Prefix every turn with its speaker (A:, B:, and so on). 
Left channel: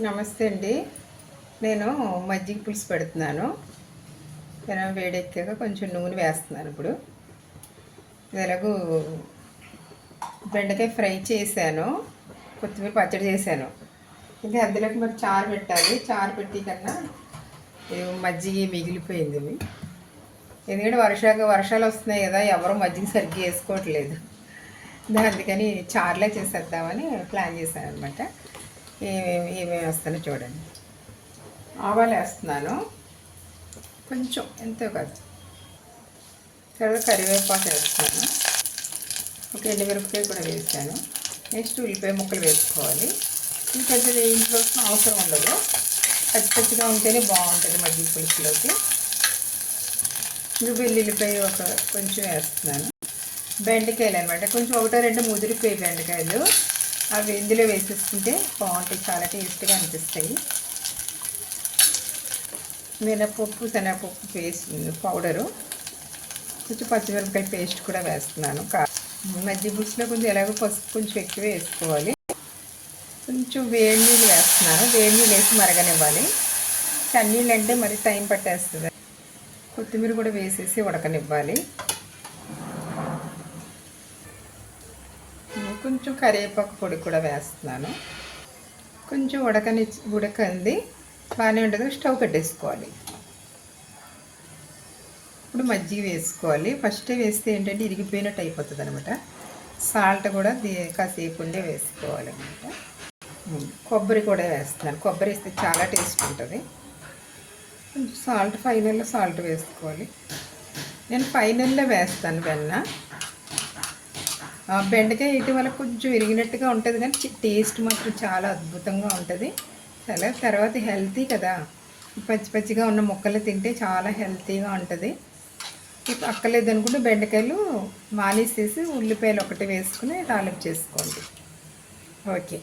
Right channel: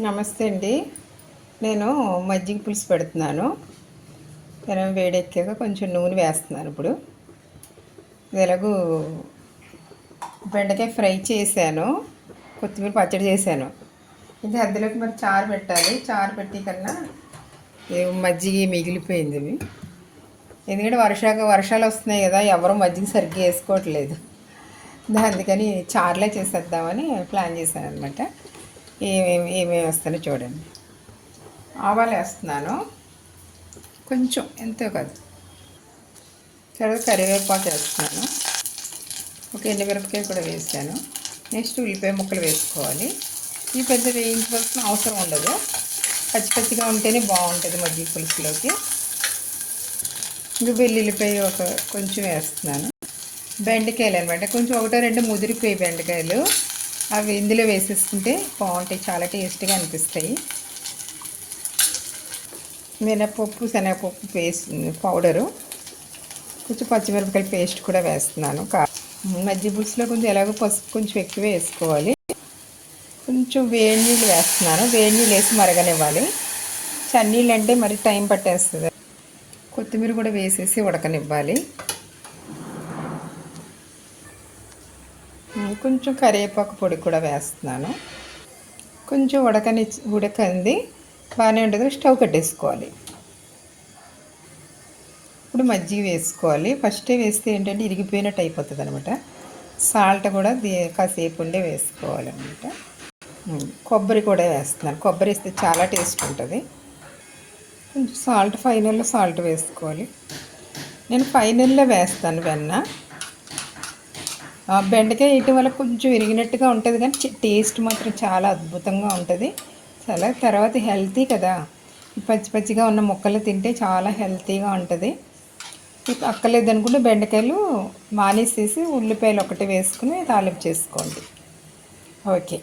A: నమస్తే అండి. నేను మజ్జిగ పులుసు పెడుతున్నాను. పెనం వేడెక్కాక కొంచెం నూనె వేస్తున్నాను ఇప్పుడు. ఎలాగూ బెండకాయ ఫ్రై చేశాను. కొత్తిమీర పచ్చడి చేశాను. ఇంకా అందులోకి మరి చారు పెట్టాలి. చారు పెట్టి కన్నా మజ్జిగ మిగిలిపోయింది ఎందుకంటే వర్షాక వర్షాలు వస్తున్నాయి కదా ఎవరు మజ్జిగ సరిగ్గా వేసుకోవట్లేదు. అందుకని చారులే చేసేద్దామని ప్లాన్ చేశాను అనమాట ఏమేమి ఏమేమి వస్తానో చూడండి. ఆవాలు వేస్తున్నాను. కొంచెం ఎంతో కాదు. తర్వాత కరివేపాకు వేస్తున్నాను. ఒక ఎండుమిరపకాయ కూడా వేసాను. నెక్స్ట్ ఉల్లిపాయ ముక్కలు వేసుకోవాలి. ఈ పెద్ద వేయించవలసిన అవసరం ఉండదు. పచ్చి పచ్చిగా ఉంటేనే బాగుంటుంది మజ్జిగ పులుసులోకి ఇంకా వెల్లుల్లిపాయ ఒక కొంచెం వేస్తున్నాను. బెండకాయలు అనమాట. కొంచెం ఒకటో రెండు ముదిరిపోయి బెండకాయలు. అవి ఇందులో వేసేసుకుంటే బాగుంటాయి. చాలా టేస్ట్గా అనిపిస్తాయి. మినపప్పు శనగపప్పు పేస్ట్ పౌడరు కొంచెం పచ్చిమిరపకాయ పేస్ట్ కూడా వేస్తున్నాను. కా మజ్జిగ పులుసులో కొంచెం ఎలాగో పసుపు కొంచెం ఎక్కువ వేసుకోవాలి. కొంచెం వేడి నీళ్ళు వేస్తున్నాను. వేడి నీళ్ళు వేసి మరగనివ్వాలి. చన్నీళ్ళు అంటే మరి టైం పట్టేస్తుంది. కొత్తిమీర కూడా వేసేసి ఉడకనివ్వాలి. కొంచెం కరివేపాకు పొడి కూడా వేస్తున్నాను. కొంచెం ఉడకని ఉడకంది. బాగానే ఉంటుంది స్టవ్ కట్టేసుకోవాలి. ఇప్పుడు మజ్జిగ వేసుకోవాలి. ఫస్టే వేస్తే ఏంటంటే ఇరిగిపోయినట్టు అయిపోతుంది అనమాట సాల్ట్ కూడా దీ కాసేపు ఉండే వేసుకోవాలి అనమాట కొబ్బరి కూడా వేస్తున్నాను. కొబ్బరి వేస్తే చాలా టేస్ట్ ఉంటుంది. కొంచెం సాల్ట్ ఫైనల్లో సాల్ట్ వేసుకోవాలి. నేను ఫైనల్లో వేస్తాను వెన్న. బెండకాయ వేయటం వల్ల కొంచెం విరిగినట్టుగా ఉంటుంది కానీ టేస్ట్ మాత్రం చాలా అద్భుతంగా ఉంటుంది. చాలా తర్వాత హెల్తీ కదా. పచ్చి పచ్చిగా ఉన్న ముక్కలు తింటే చాలా హెల్తీగా ఉంటుంది. అక్కర్లేదు అనుకుంటే బెండకాయలు మానేసేసి ఉల్లిపాయలు ఒకటి వేసుకుని తాలింపు చేసుకోండి. ఓకే.